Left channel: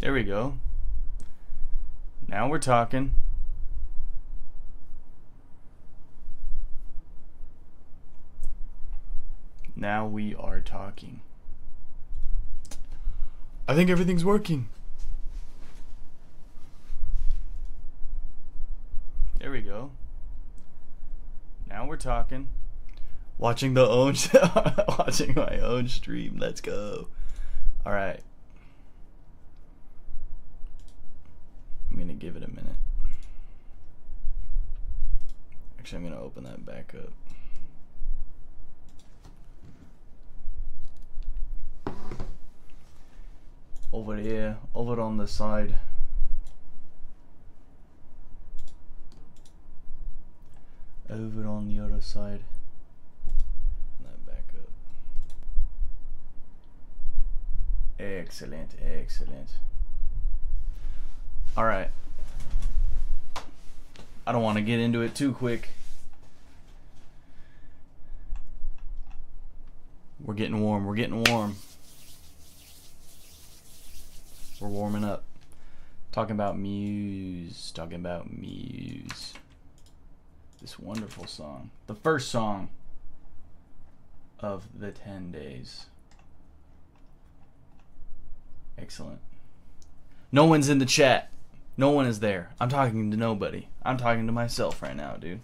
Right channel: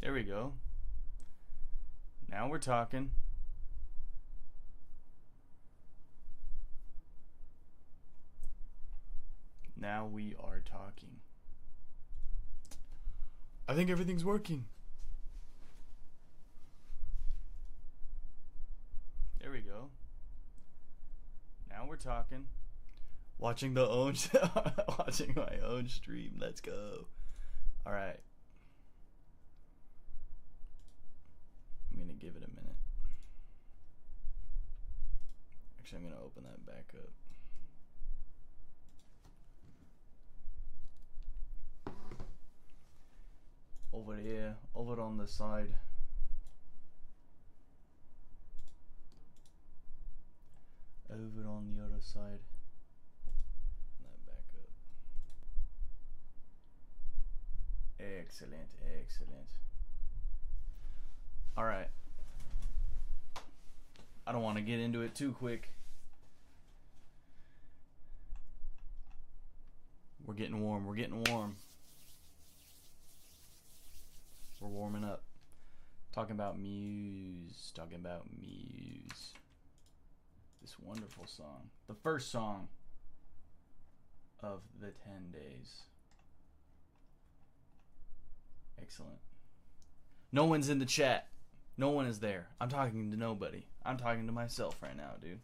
There we go. Now we're talking. Now we are talking. I think everything's working. There we go. Now we're talking. Watching the own watching my own stream. Let's go. All right. I'm going to give it a minute. Actually, I'm going to open that back up. Over here, over on the side. Over on the other side. That back up. Excellent, excellent. Alright. I don't want to get into it too quick. We're getting warm, we're getting warm. We're warming up. Talking about Muse. Talking about Muse. This wonderful song. The first song of the 10 days. Excellent. No one's in the chat. No one is there. I'm talking to nobody. I'm talking to myself right now, dude.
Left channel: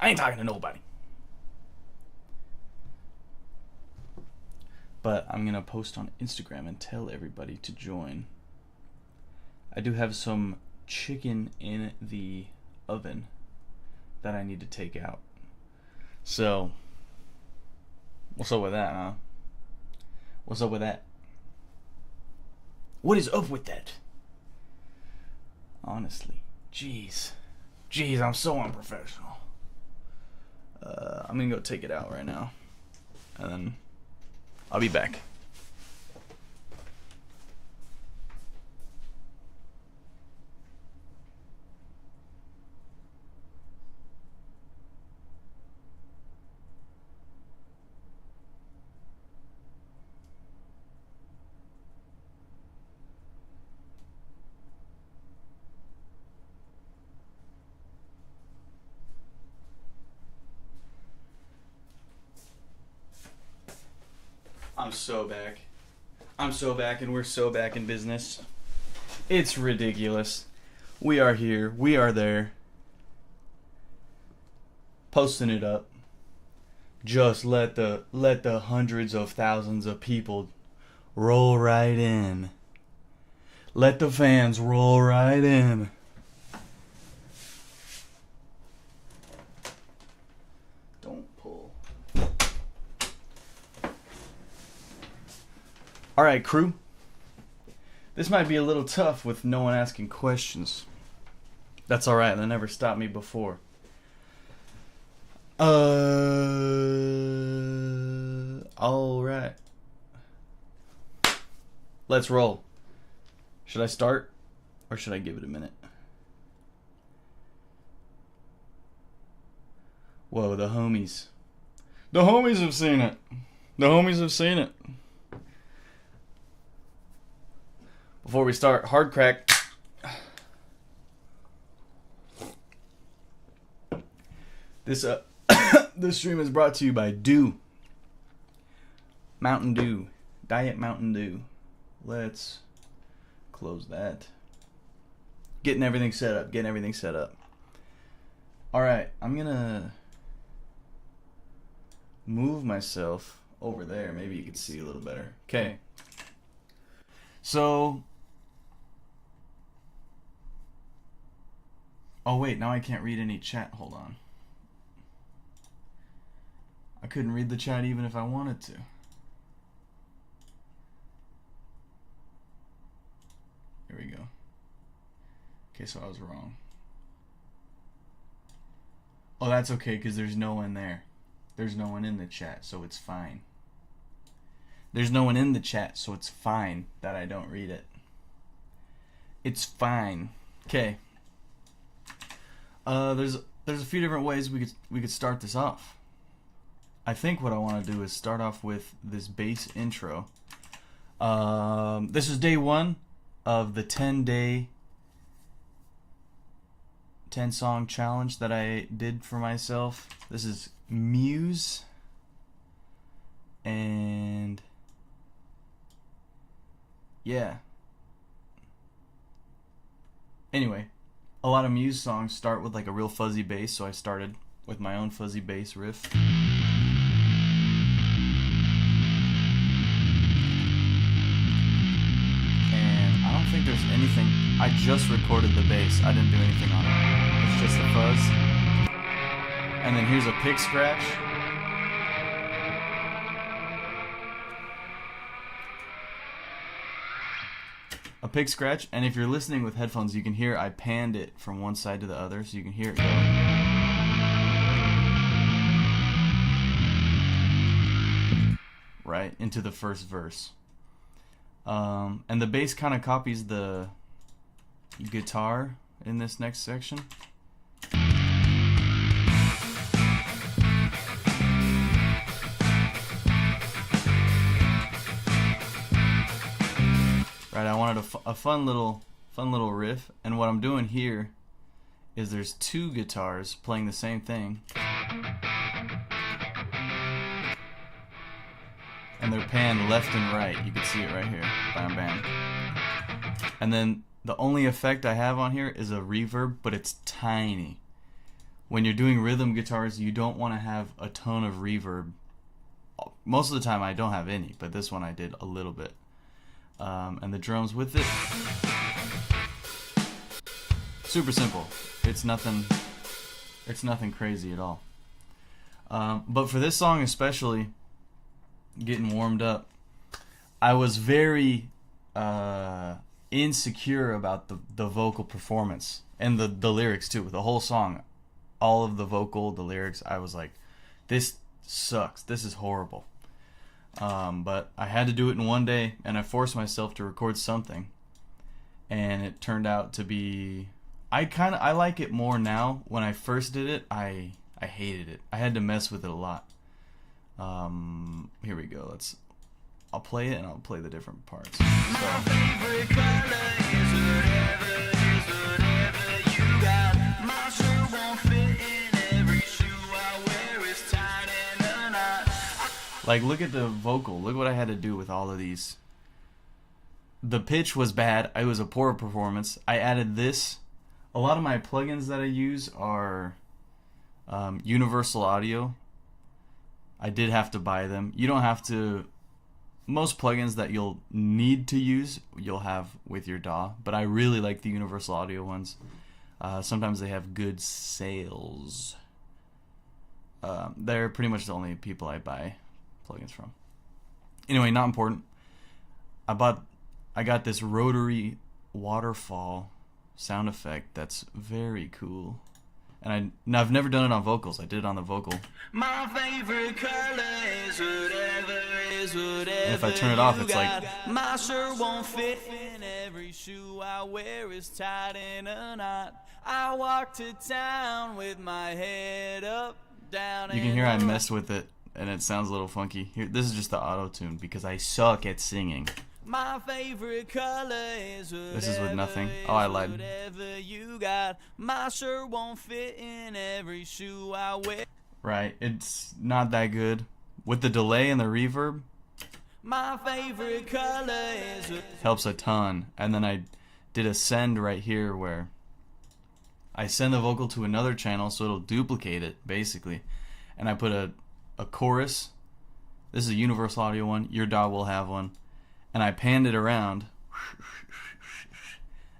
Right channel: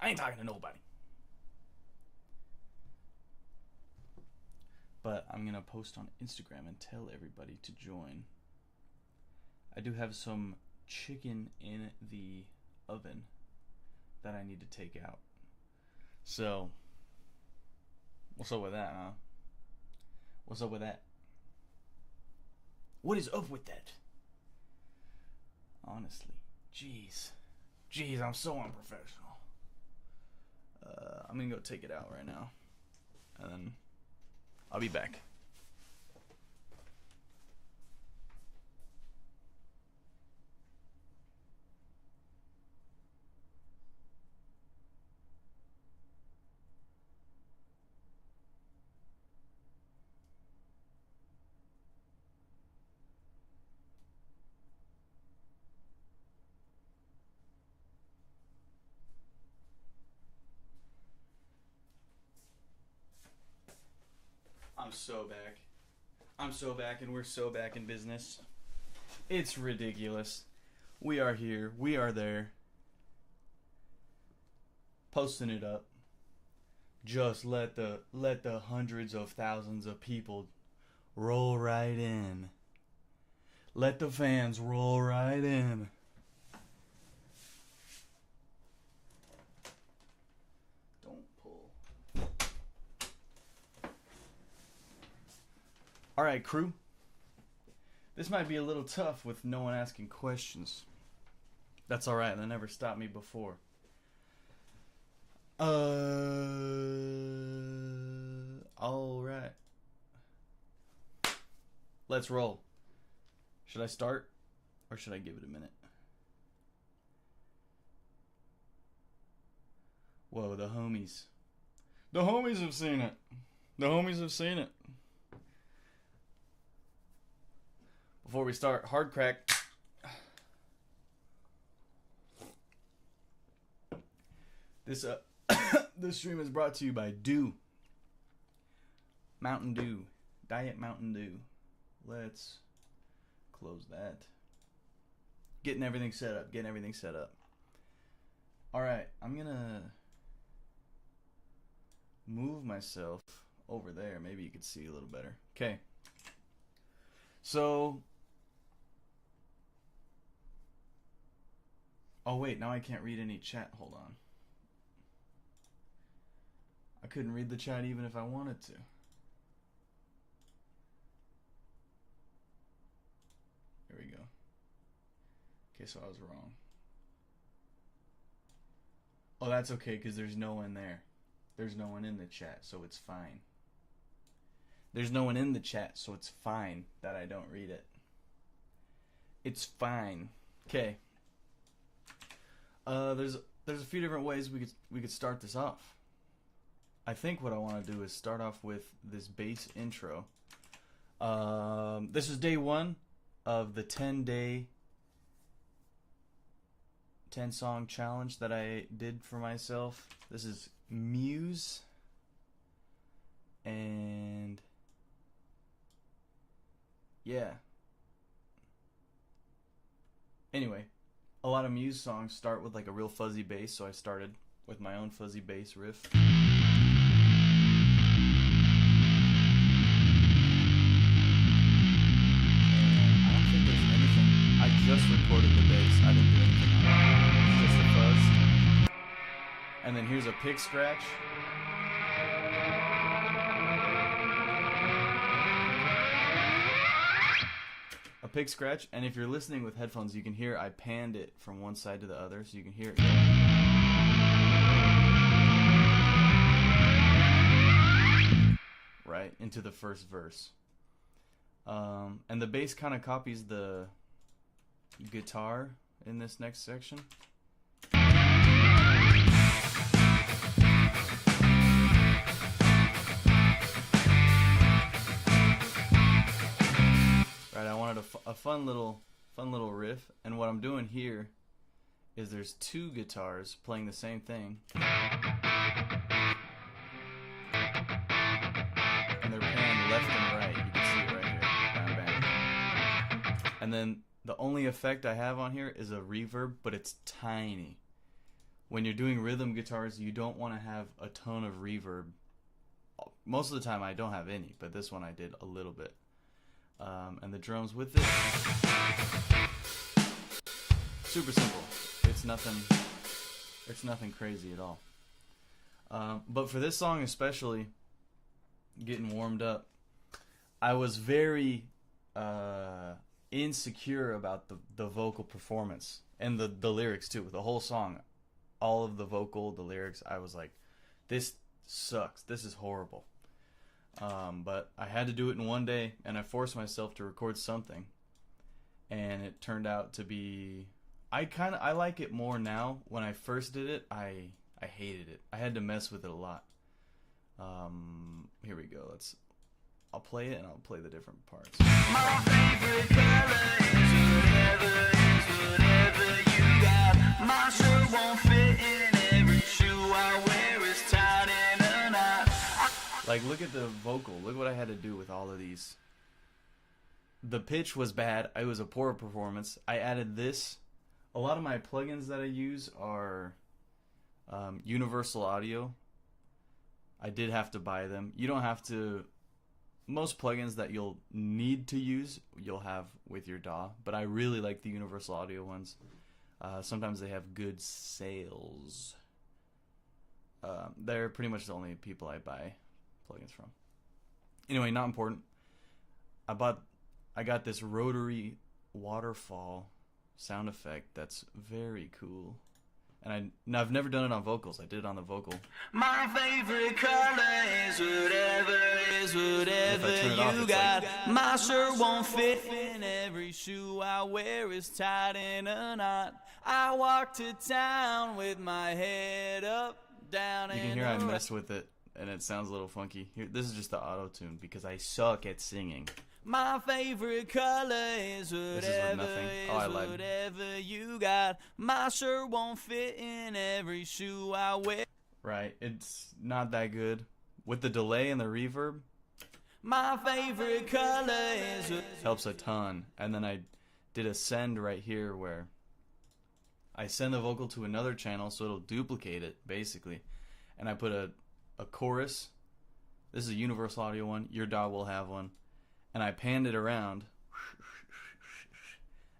I ain't talking to nobody. But I'm going to post on Instagram and tell everybody to join. I do have some chicken in the oven that I need to take out. So, what's up with that, huh? What's up with that? What is up with that? Honestly. Jeez. Jeez, I'm so unprofessional. I'm going to go take it out right now. And then I'll be back. I'm so back. I'm so back, and we're so back in business. It's ridiculous. We are here. We are there. Posting it up. Just let the hundreds of thousands of people roll right in. Let the fans roll right in. Alright, crew. This might be a little tough with no one asking questions. That's alright, that never stopped me before. Alright. Let's roll. Should I start? Or should I give it a minute? Whoa, the homies. The homies have seen it. The homies have seen it. Before we start, hard crack. This this stream is brought to you by Dew. Mountain Dew. Diet Mountain Dew. Let's close that. Getting everything set up. Getting everything set up. Alright, I'm gonna move myself over there. Maybe you can see a little better. Okay. So... Oh wait, now I can't read any chat. Hold on. I couldn't read the chat even if I wanted to. There we go. Okay, so I was wrong. Oh, that's okay, because there's no one there. There's no one in the chat, so it's fine. There's no one in the chat, so it's fine that I don't read it. It's fine. Okay. There's a few different ways we could start this off. I think what I want to do is start off with this bass intro. This is day one. of the 10-day 10-song challenge that I did for myself. This is Muse, and yeah. Anyway, a lot of Muse songs start with like a real fuzzy bass, so I started with my own fuzzy bass riff. I just recorded the bass. I didn't do anything on it. It's just a fuzz. And then here's a pick scratch. A pick scratch, and if you're listening with headphones, you can hear I panned it from one side to the other, so you can hear it going. Right into the first verse. And the bass kind of copies the guitar in this next section. Right, I wanted a fun little riff, and what I'm doing here is there's two guitars playing the same thing, and they're panned left and right. You can see it right here. Bam, bam. And then the only effect I have on here is a reverb, but it's tiny. When you're doing rhythm guitars, you don't want to have a ton of reverb. Most of the time I don't have any, but this one I did a little bit. And the drums with it. Super simple. It's nothing crazy at all. But for this song especially, getting warmed up, I was very insecure about the vocal performance and the lyrics too. The whole song, all of the vocal, the lyrics, I was like, this sucks, this is horrible. But I had to do it in one day, and I forced myself to record something, and it turned out to be, I like it more now. When I first did it, I hated it. I had to mess with it a lot. Here we go. I'll play it, and I'll play the different parts. My favorite color is whatever you got. My shirt won't fit in every shoe I wear. It's tied in a knot. Like, look at the vocal. Look what I had to do with all of these. The pitch was bad. It was a poor performance. I added this. A lot of my plugins that I use are Universal Audio. I did have to buy them. You don't have to. Most plugins that you'll need to use, you'll have with your DAW. But I really like the Universal Audio ones. Sometimes they have good sales. They're pretty much the only people I buy plugins from. Anyway, not important. I got this rotary waterfall sound effect that's very cool. And I've never done it on vocals. I did it on the vocal. My favorite color is whatever you got. My shirt won't fit in every shoe I wear is tied in a knot. I walk to town with my head up, down, and you can hear I messed with it, and it sounds a little funky. Here, this is just the auto-tune because I suck at singing. My favorite color is whatever you got. My shirt won't fit in every shoe I wear. Right, it's not that good. With the delay and the reverb, my favorite color is helps a ton. And then I did a send right here where I send the vocal to another channel so it'll duplicate it, basically. And I put a chorus. This is a Universal Audio one. Your DAW will have one. And I panned it around,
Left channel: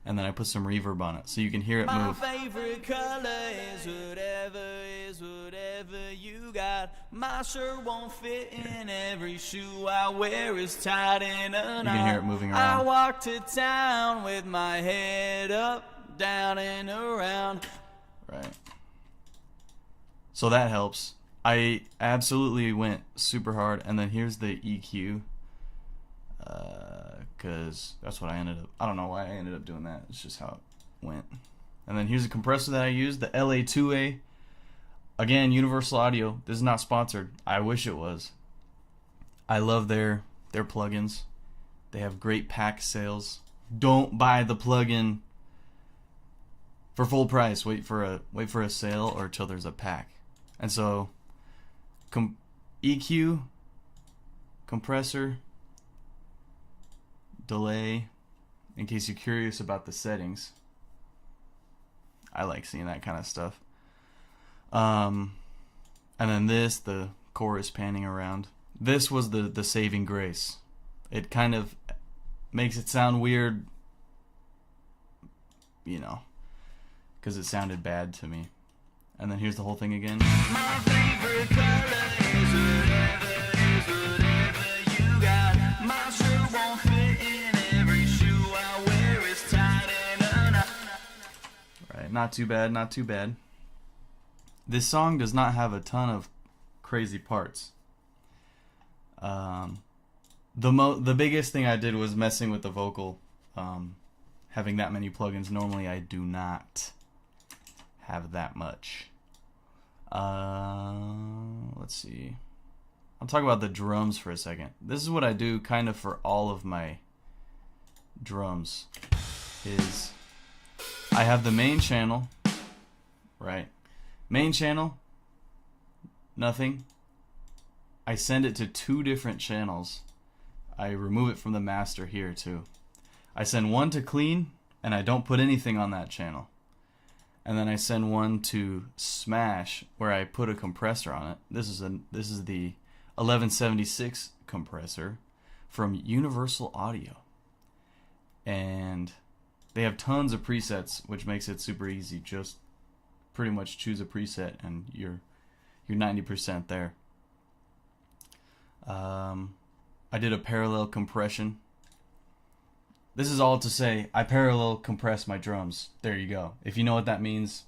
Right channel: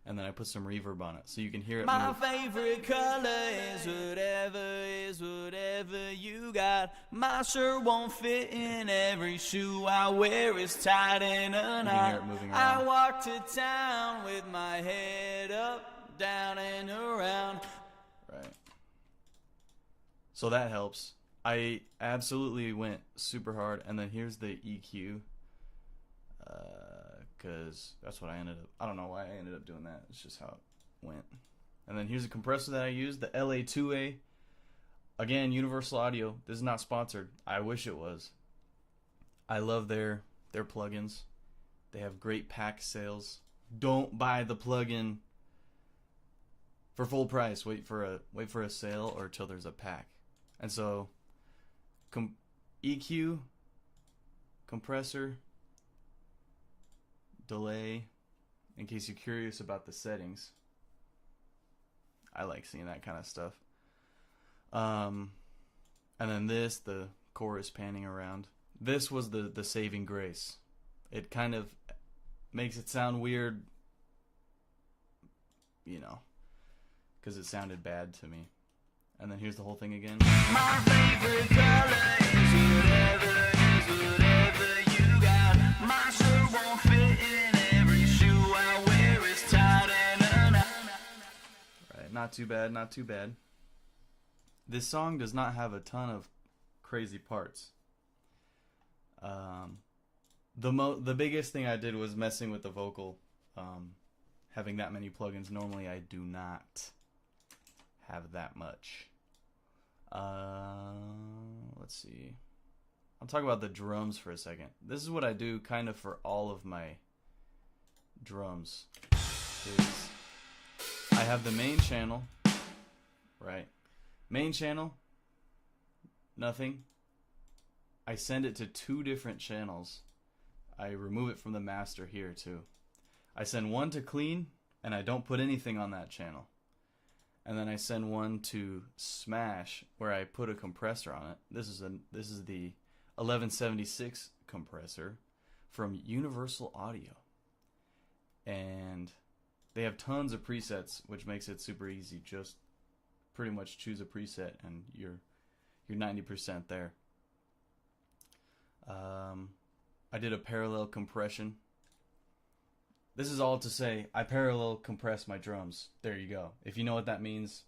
and then I put some reverb on it, so you can hear it move. My favorite color is whatever you got. My shirt won't fit in every shoe I wear is tied in a knot. You can hear it moving around. I walk to town with my head up, down, and around. Right. So that helps. I absolutely went super hard, and then here's the EQ. Because that's what I don't know why I ended up doing that. It's just how it went. And then here's a compressor that I used, the LA2A. Again, Universal Audio. This is not sponsored. I wish it was. I love their plugins. They have great pack sales. don't buy the plugin for full price. Wait for a sale or till there's a pack. And so EQ, compressor, delay, in case you're curious about the settings. I like seeing that kind of stuff. And then this, the chorus panning around. This was the saving grace. It kind of makes it sound weird, you know, because it sounded bad to me. And then here's the whole thing again. My favorite color is whatever you got. My shirt won't fit in every shoe I wear. It's tight and right, not too bad, not too bad. This song does not have a ton of crazy parts. The biggest thing I did was messing with the vocal, having that many plugins. Normally I do not have that much. Let's see. I'll talk about the drums for a second. This is what I do kind of for all of my drums. Is I have the main channel, right? Main channel, nothing. I send it to 2 different channels. I remove it from the master here too. I send one to clean, and I don't put anything on that channel. And then I send one to smash, where I put a compressor on it. This is the 1176 compressor from Universal Audio, and they have tons of presets, which makes it super easy. Just pretty much choose a preset, and you're 90% there. I did a parallel compression. This is all to say I parallel compress my drums. There you go. If you know what that means,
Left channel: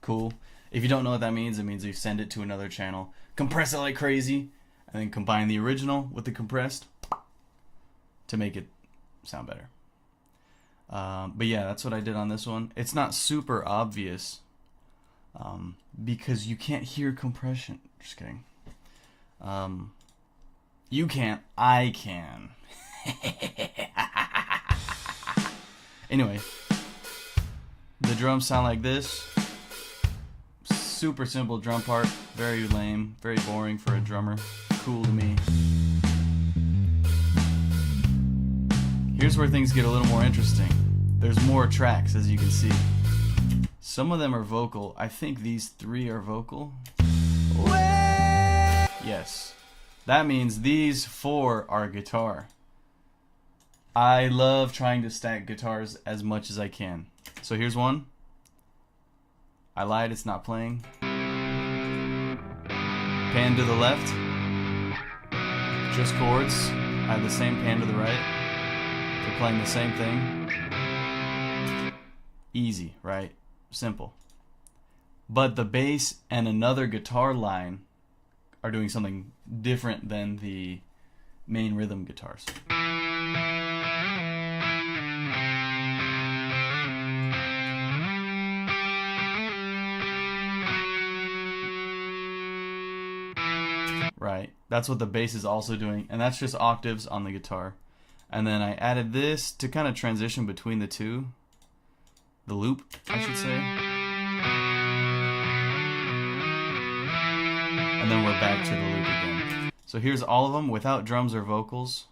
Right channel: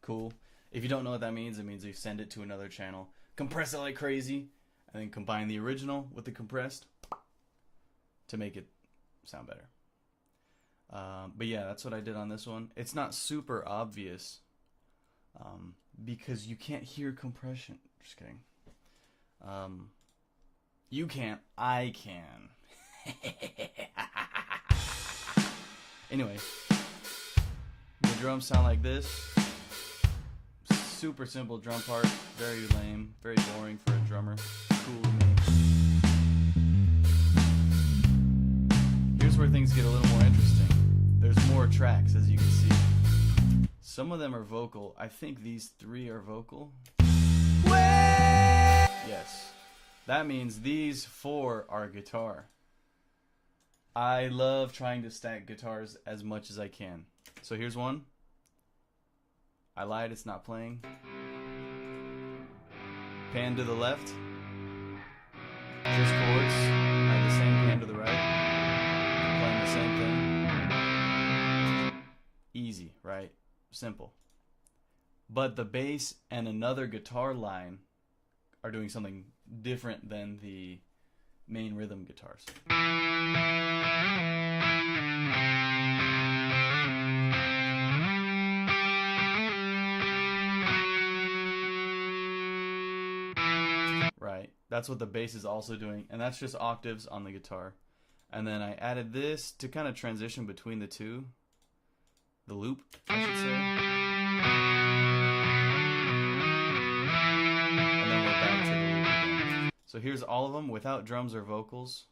cool. If you don't know what that means, it means you send it to another channel, compress it like crazy, and then combine the original with the compressed to make it sound better. But yeah, that's what I did on this one. It's not super obvious because you can't hear compression. Just kidding. You can't. I can. Anyway, the drums sound like this. Super simple drum part. Very lame. Very boring for a drummer. Cool to me. Here's where things get a little more interesting. There's more tracks, as you can see. Some of them are vocal. I think these 3 are vocal. Yes. That means these 4 are guitar. I love trying to stack guitars as much as I can. So here's one. I lied, it's not playing. Pan to the left. Choose chords. I have the same pan to the right. They're playing the same thing. Easy, right? Simple. But the bass and another guitar line are doing something different than the main rhythm guitars. Right, that's what the bass is also doing, and that's just octaves on the guitar. And then I added this to kind of transition between the two. The loop, I should say. And then we're back to the loop again. So here's all of them without drums or vocals.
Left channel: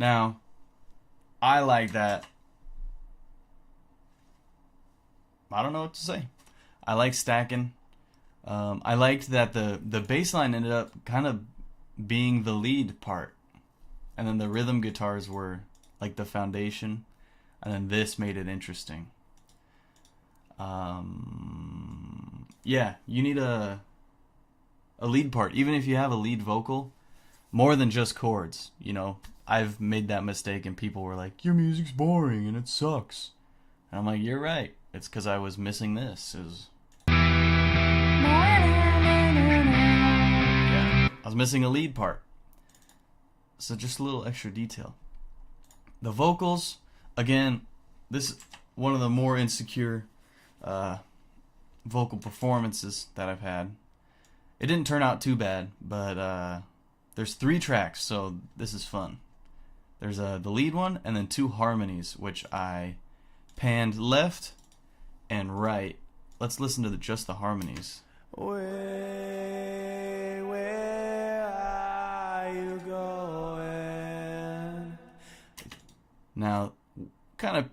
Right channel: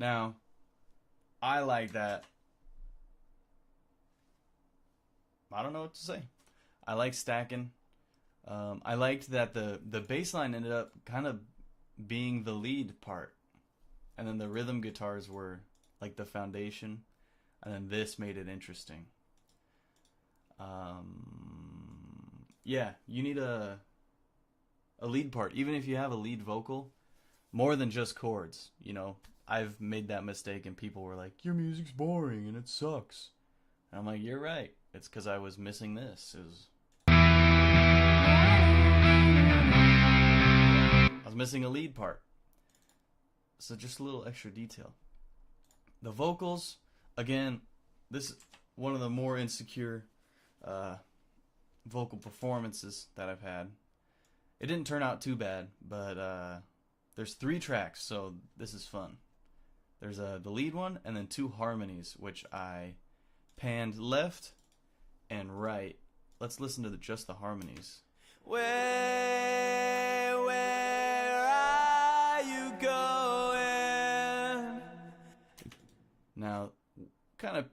Now, I like that. I don't know what to say. I like stacking. I liked that the bass line ended up kind of being the lead part. And then the rhythm guitars were like the foundation. And then this made it interesting. Yeah, you need a lead part. Even if you have a lead vocal, more than just chords, you know. I've made that mistake and people were like, your music's boring and it sucks. And I'm like, you're right. It's because I was missing this. I was missing a lead part. So just a little extra detail. The vocals, again, this is one of the more insecure vocal performances that I've had. It didn't turn out too bad, but there's 3 tracks, so this is fun. There's the lead one and then 2 harmonies, which I panned left and right. Let's listen to just the harmonies. Where are you going? Now, kind of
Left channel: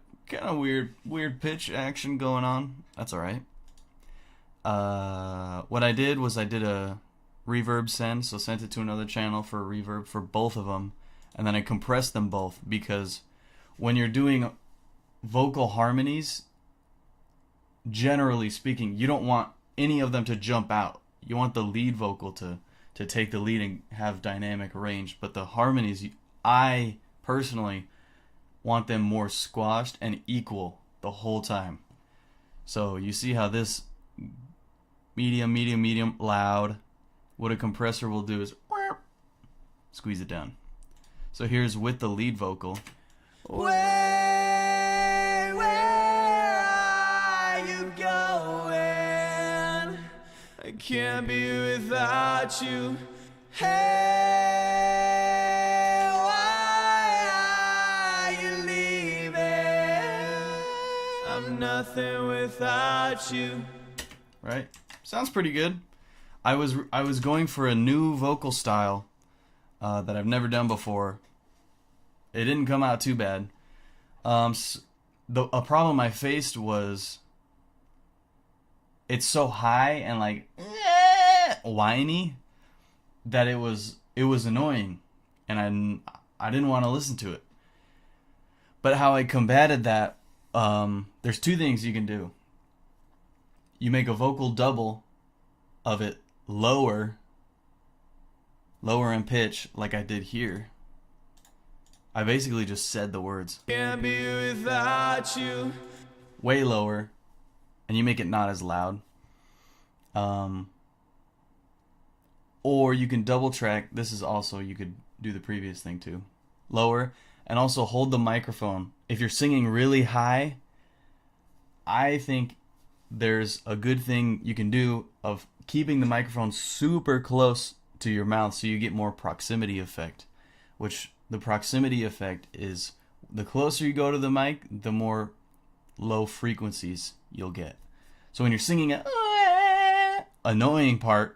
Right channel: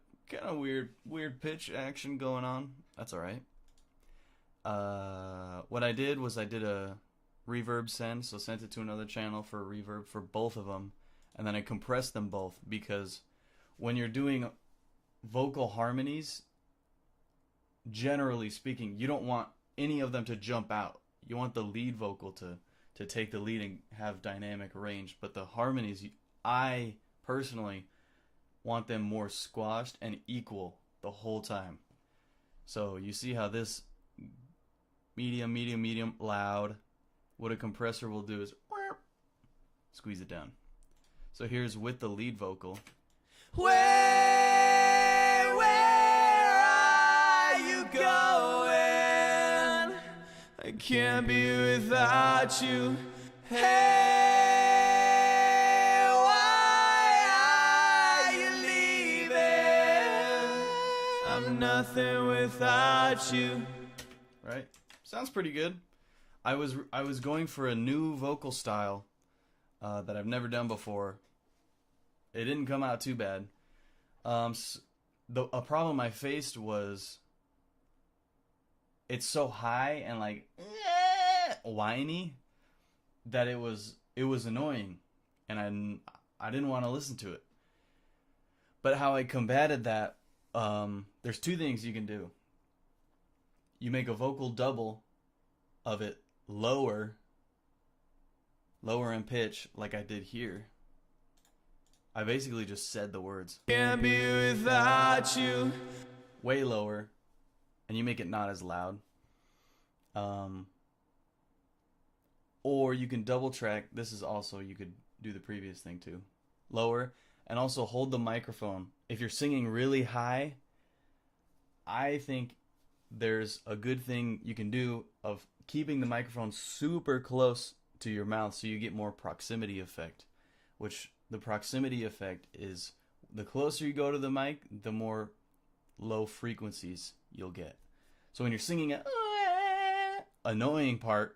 weird pitch action going on. That's all right. What I did was I did a reverb send, so sent it to another channel for a reverb for both of them, and then I compressed them both, because when you're doing vocal harmonies, generally speaking, you don't want any of them to jump out. You want the lead vocal to take the lead and have dynamic range, but the harmonies, I personally want them more squashed and equal the whole time. So you see how this medium, loud, what a compressor will do is squeeze it down. So here's with the lead vocal. Where are you going? I can't be without you. Hey, why are you leaving? I'm nothing without you. Right? Sounds pretty good. I was going for a new vocal style that I've never done before. It didn't come out too bad. A problem I faced was it's so high and like whiny that it was annoying, and I didn't want to listen to it. But how I combated that, there's 2 things you can do. You make a vocal double of it lower in pitch, like I did here. I basically just said the words. Can't be without you. Way lower, and you make it not as loud. Or you can double track. This is also, you could do the previous thing too. Lower, and also hold the microphone. If you're singing really high, I think there's a good thing you can do of keeping the microphone super close to your mouth so you get more proximity effect, which the proximity effect is the closer you go to the mic, the more low frequencies you'll get. So when you're singing an annoying part,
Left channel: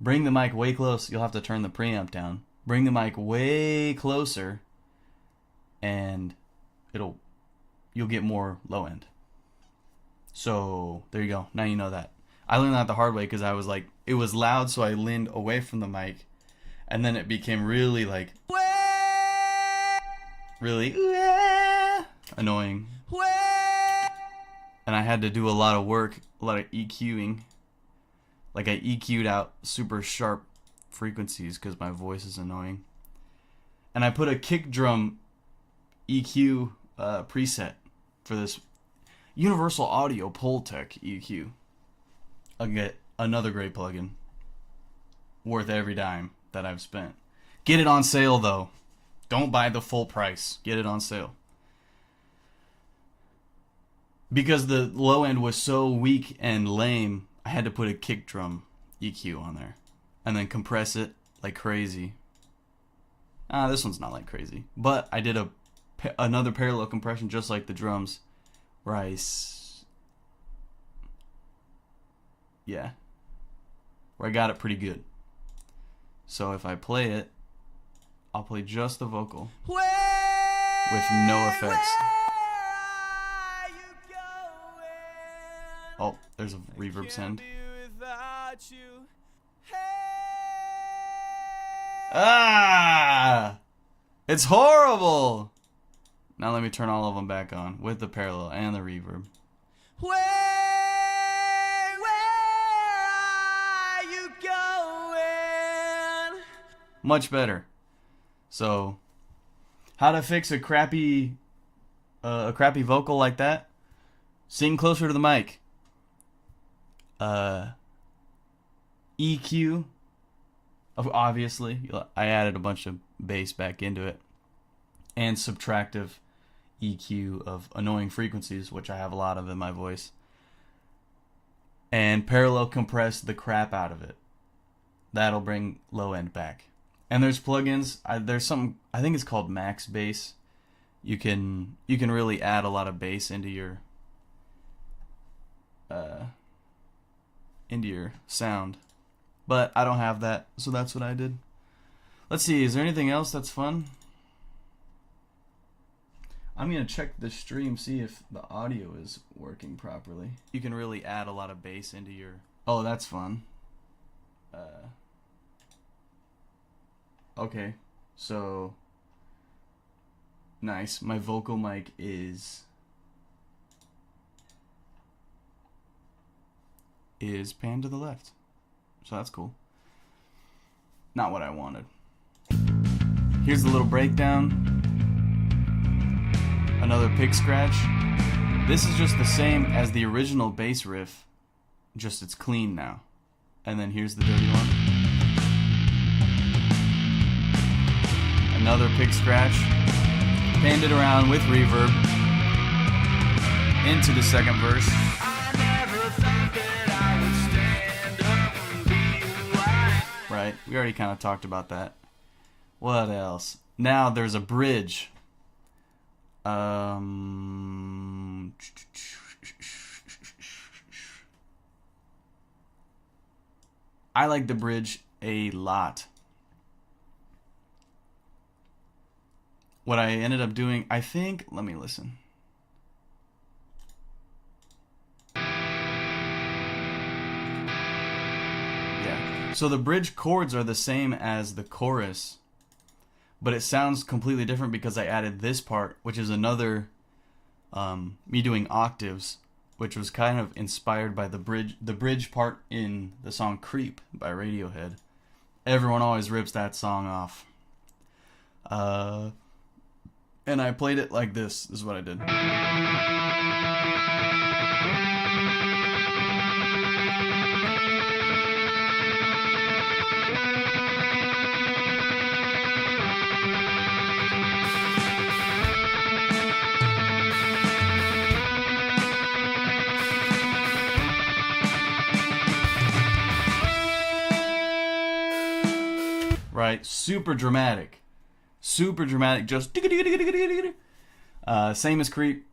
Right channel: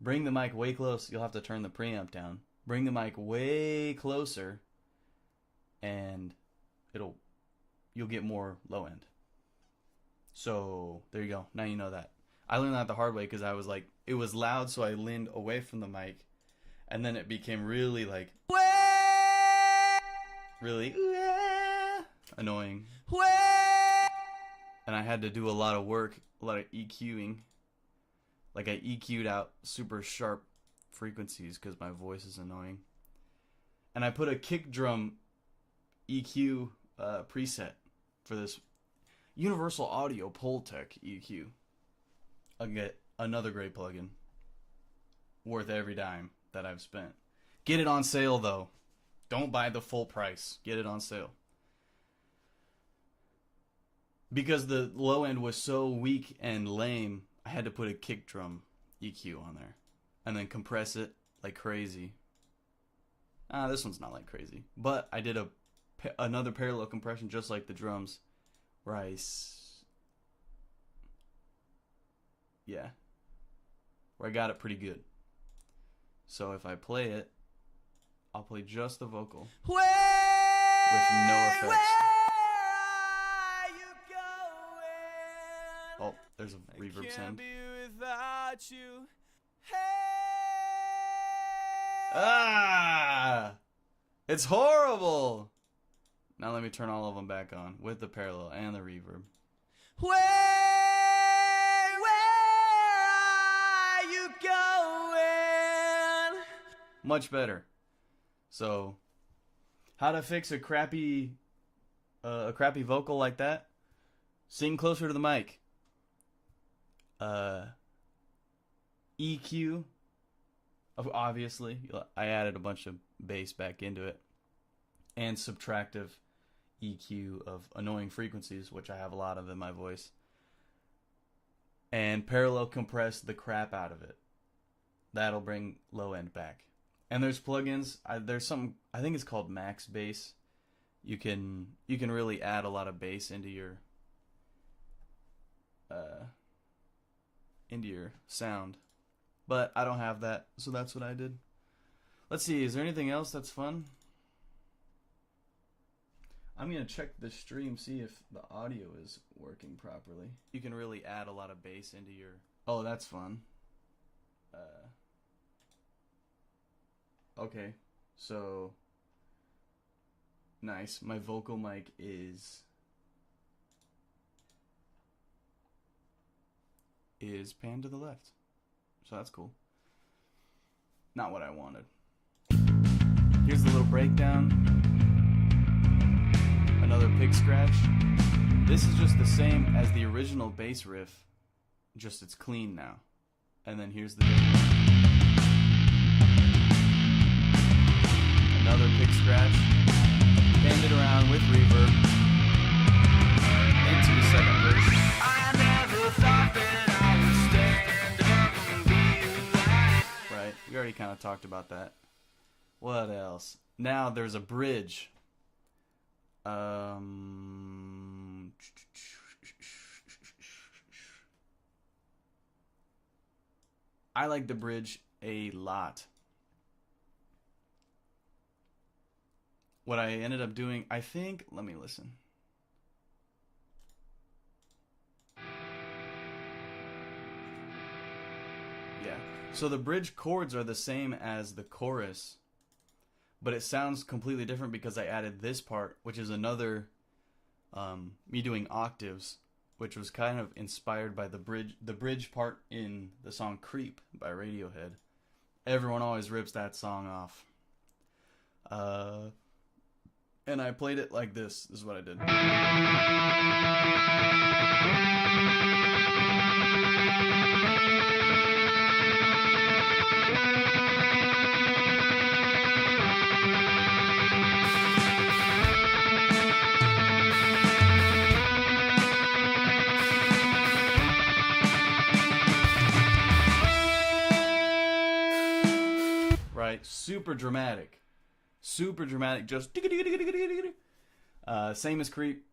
bring the mic way close. You'll have to turn the preamp down. Bring the mic way closer, and you'll get more low end. So there you go. Now you know that. I learned that the hard way, because I was like, it was loud, so I leaned away from the mic, and then it became really like really annoying, and I had to do a lot of work, a lot of EQing. Like I EQ'd out super sharp frequencies because my voice is annoying, and I put a kick drum EQ preset for this Universal Audio Pultec EQ. I'll get another great plugin, worth every dime that I've spent. Get it on sale though. Don't buy the full price. Get it on sale. Because the low end was so weak and lame, I had to put a kick drum EQ on there, and then compress it like crazy. This one's not like crazy, but I did another parallel compression just like the drums, where where I got it pretty good. So if I play it, I'll play just the vocal with no effects. Oh, there's a reverb send. It's horrible. Now let me turn all of them back on with the parallel and the reverb. Where are you going? Much better. So, how to fix a crappy vocal like that? Sing closer to the mic. EQ, obviously, I added a bunch of bass back into it, and subtractive EQ of annoying frequencies, which I have a lot of in my voice, and parallel compress the crap out of it. That'll bring low end back. And there's plugins. There's something, I think it's called Max Bass. You can really add a lot of bass into your sound. But I don't have that, so that's what I did. Let's see, is there anything else that's fun? I'm going to check the stream, see if the audio is working properly. You can really add a lot of bass into your... Oh, that's fun. Okay, so... Nice. My vocal mic is panned to the left. So that's cool. Not what I wanted. Here's the little breakdown. Another pick scratch. This is just the same as the original bass riff, just it's clean now. And then here's the another pick scratch. Panned it around with reverb into the second verse. I never thought that I would stand up and be who I am. Right, we already kind of talked about that. What else? Now there's a bridge. I like the bridge a lot. What I ended up doing, I think, let me listen. Yeah. So the bridge chords are the same as the chorus, but it sounds completely different because I added this part, which is another, me doing octaves, which was kind of inspired by the bridge part in the song Creep by Radiohead. Everyone always rips that song off. And I played it like this. This is what I did. Right? Super dramatic. Super dramatic, just same as Creep.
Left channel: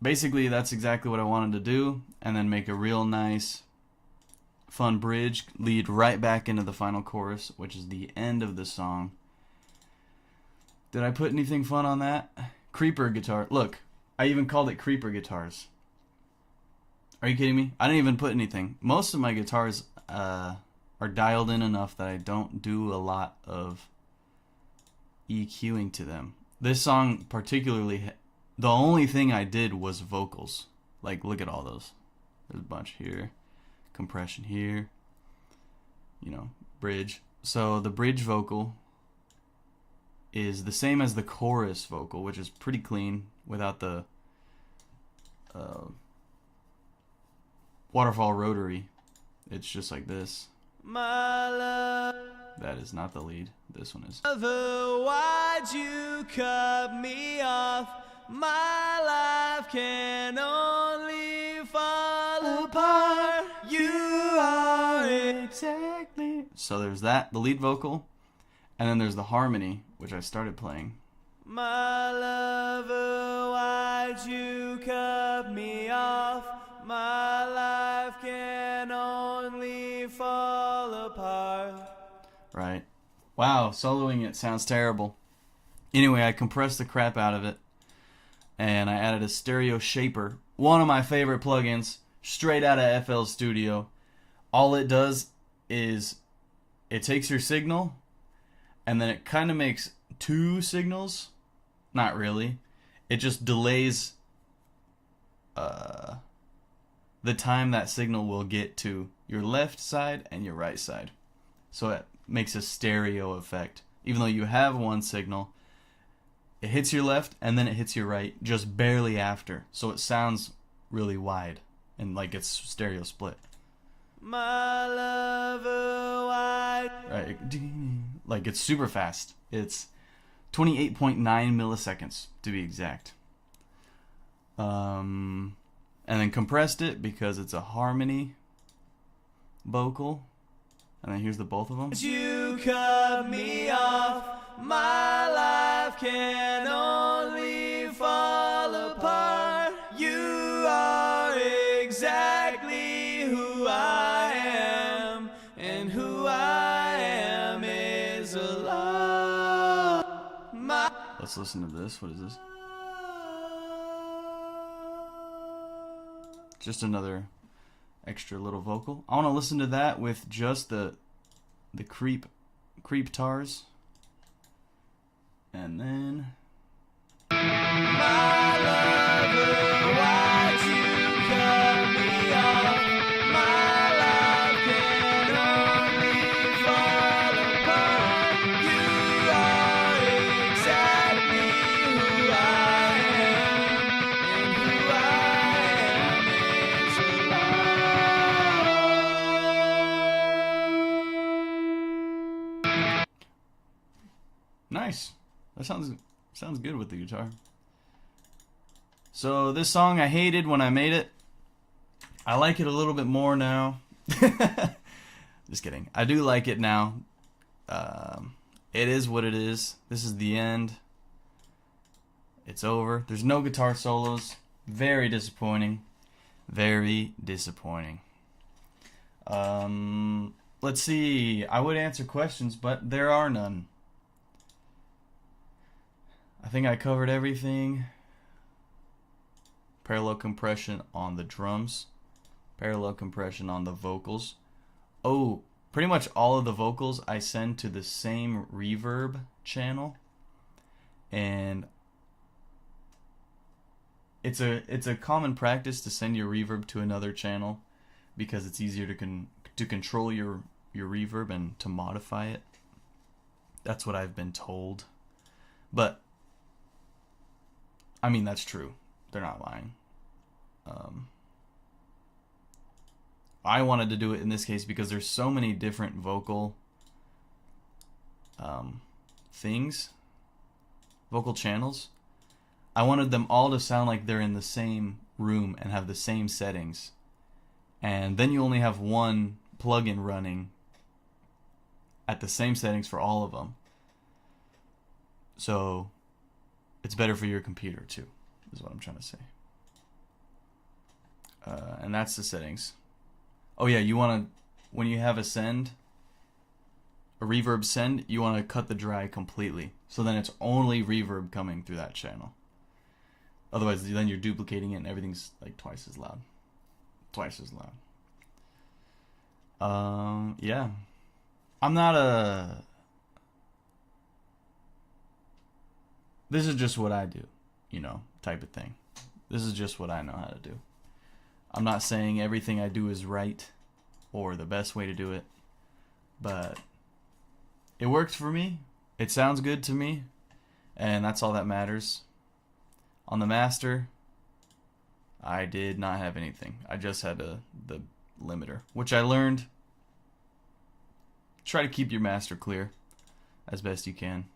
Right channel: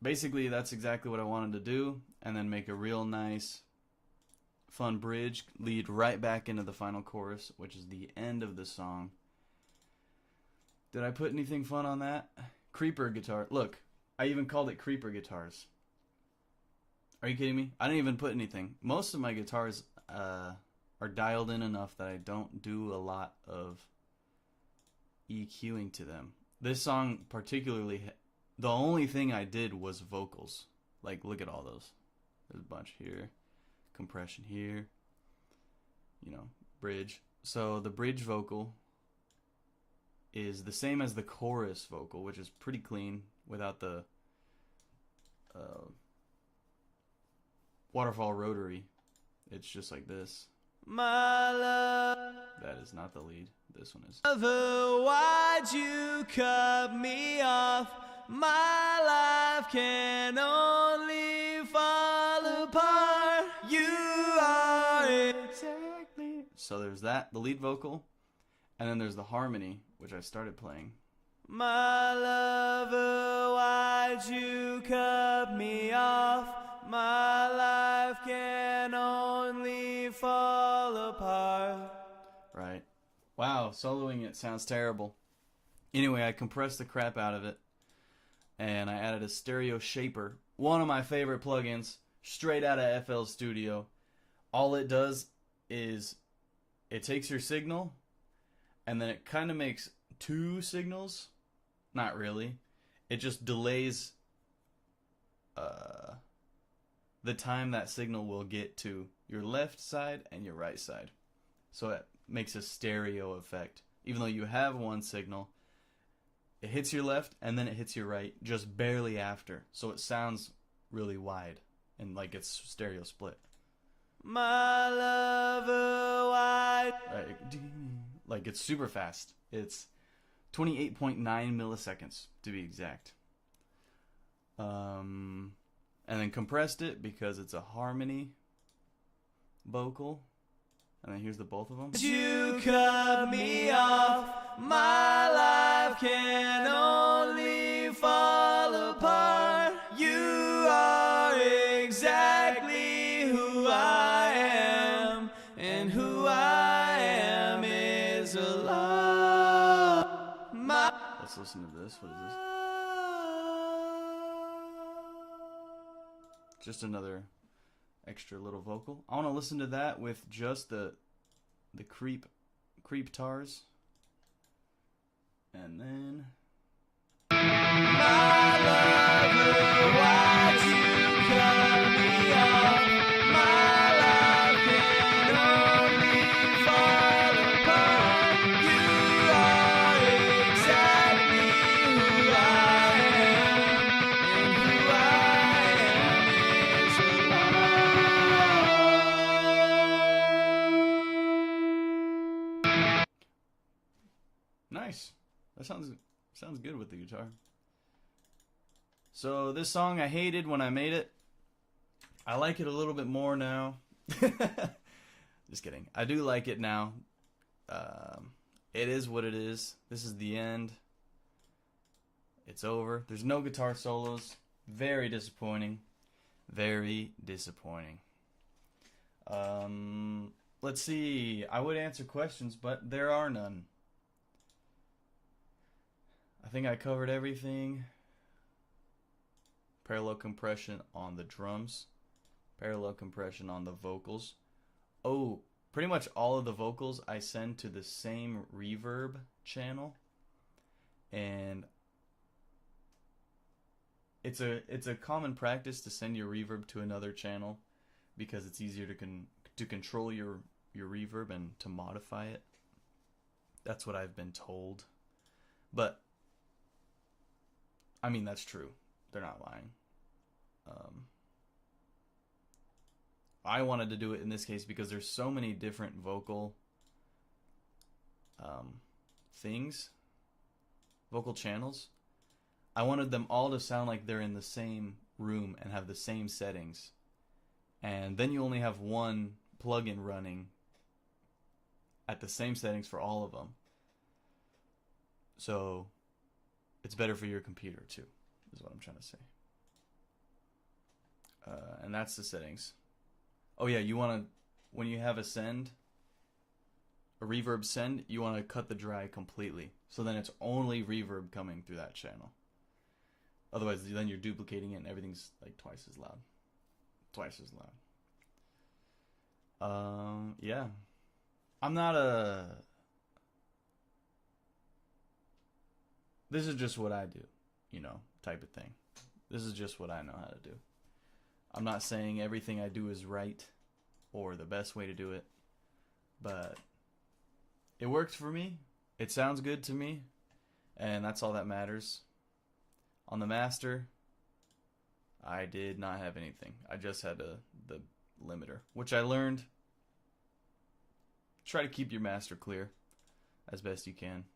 Basically, that's exactly what I wanted to do, and then make a real nice, fun bridge, lead right back into the final chorus, which is the end of the song. Did I put anything fun on that? Creeper guitar. Look, I even called it Creeper Guitars. Are you kidding me? I didn't even put anything. Most of my guitars are dialed in enough that I don't do a lot of EQing to them. This song particularly, the only thing I did was vocals. Like, look at all those. There's a bunch here. Compression here. You know, bridge. So the bridge vocal is the same as the chorus vocal, which is pretty clean without the waterfall rotary. It's just like this. My love. That is not the lead. This one is. Why'd you cut me off? My life can only fall apart. You are exactly. So there's that, the lead vocal, and then there's the harmony, which I started playing. My lover, why'd you cut me off? My life can only fall apart. Right. Wow, soloing it sounds terrible. Anyway, I compressed the crap out of it, and I added a stereo shaper, one of my favorite plugins, straight out of FL Studio. All it does is it takes your signal, and then it kind of makes two signals. Not really. It just delays the time that signal will get to your left side and your right side. So it makes a stereo effect. Even though you have one signal, it hits your left and then it hits your right just barely after. So it sounds really wide and like it's stereo split. My lover, why? Right, like it's super fast. It's 28.9 milliseconds to be exact. And then compressed it because it's a harmony vocal. And then here's the both of them. You cut me off. My life can only fall apart. You are exactly who I am, and who I am is a love. Let's listen to this. What is this? Just another extra little vocal. I want to listen to that with just the creep tars. And then my lover, why'd you cut me off? My life can only fall apart. You are exactly who I am, and who I am is a lie. Nice. That sounds good with the guitar. So this song I hated when I made it. I like it a little bit more now. Just kidding. I do like it now. It is what it is. This is the end. It's over. There's no guitar solos. Very disappointing. Very disappointing. Let's see. I would answer questions, but there are none. I think I covered everything. Parallel compression on the drums. Parallel compression on the vocals. Oh, pretty much all of the vocals I send to the same reverb channel. And it's a common practice to send your reverb to another channel because it's easier to control your reverb and to modify it. That's what I've been told. But I mean, that's true. They're not lying. I wanted to do it in this case because there's so many different vocal vocal channels. I wanted them all to sound like they're in the same room and have the same settings. And then you only have one plugin running at the same settings for all of them. So it's better for your computer too, is what I'm trying to say. And that's the settings. Oh yeah, you want to, when you have a reverb send, you want to cut the dry completely. So then it's only reverb coming through that channel. Otherwise, then you're duplicating it and everything's like twice as loud. Twice as loud. Yeah. I'm not a... This is just what I do, type of thing. This is just what I know how to do. I'm not saying everything I do is right or the best way to do it, but it works for me. It sounds good to me, and that's all that matters. On the master, I did not have anything. I just had the limiter, which I learned. Try to keep your master clear as best you can.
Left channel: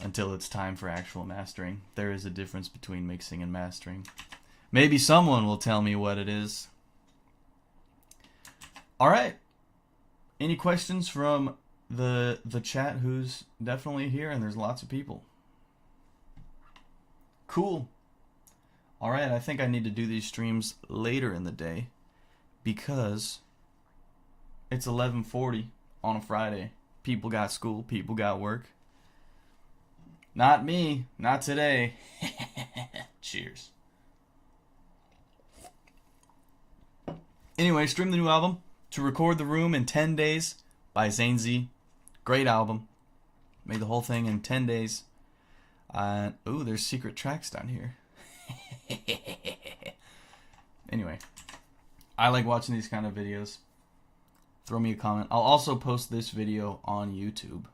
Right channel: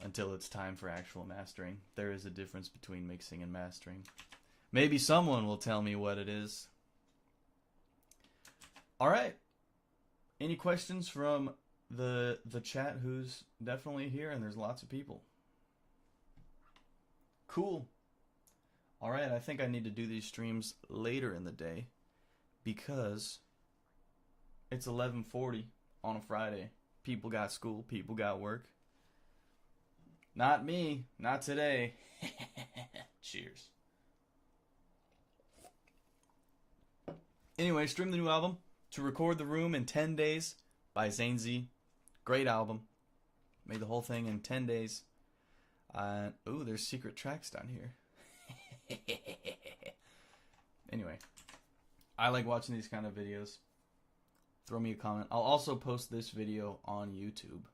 Until it's time for actual mastering. There is a difference between mixing and mastering. Maybe someone will tell me what it is. Alright. Any questions from the chat who's definitely here? And there's lots of people. Cool. Alright, I think I need to do these streams later in the day because it's 11:40 on a Friday. People got school, people got work. Not me, not today. Cheers. Anyway, stream the new album, To Record the Room in 10 Days by Zane Z. Great album. Made the whole thing in 10 days. Ooh, there's secret tracks down here. Anyway, I like watching these kind of videos. Throw me a comment. I'll also post this video on YouTube.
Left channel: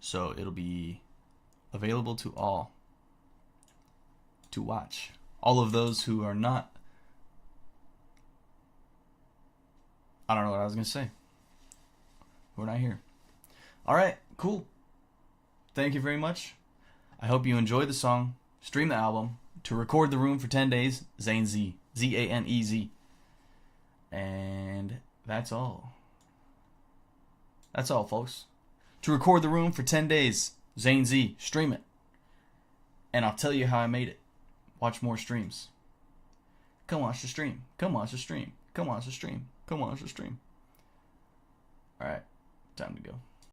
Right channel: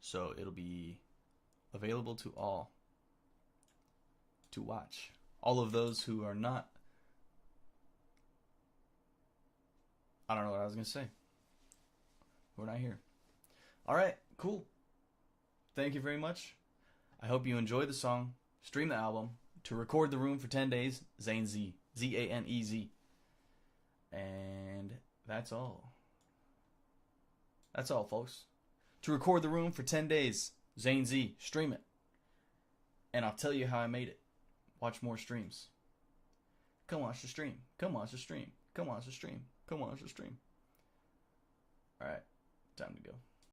So it'll be available to all to watch. All of those who are not I don't know what I was going to say. We're not here. All right, cool. Thank you very much. I hope you enjoyed the song. Stream the album. To Record the Room for 10 days, Zane Z. Z-A-N-E-Z. And that's all. That's all, folks. To Record the Room for 10 days, Zane Z. Stream it. And I'll tell you how I made it. Watch more streams. Come watch the stream. Come watch the stream. Come watch the stream. Come watch the stream. Alright, time to go.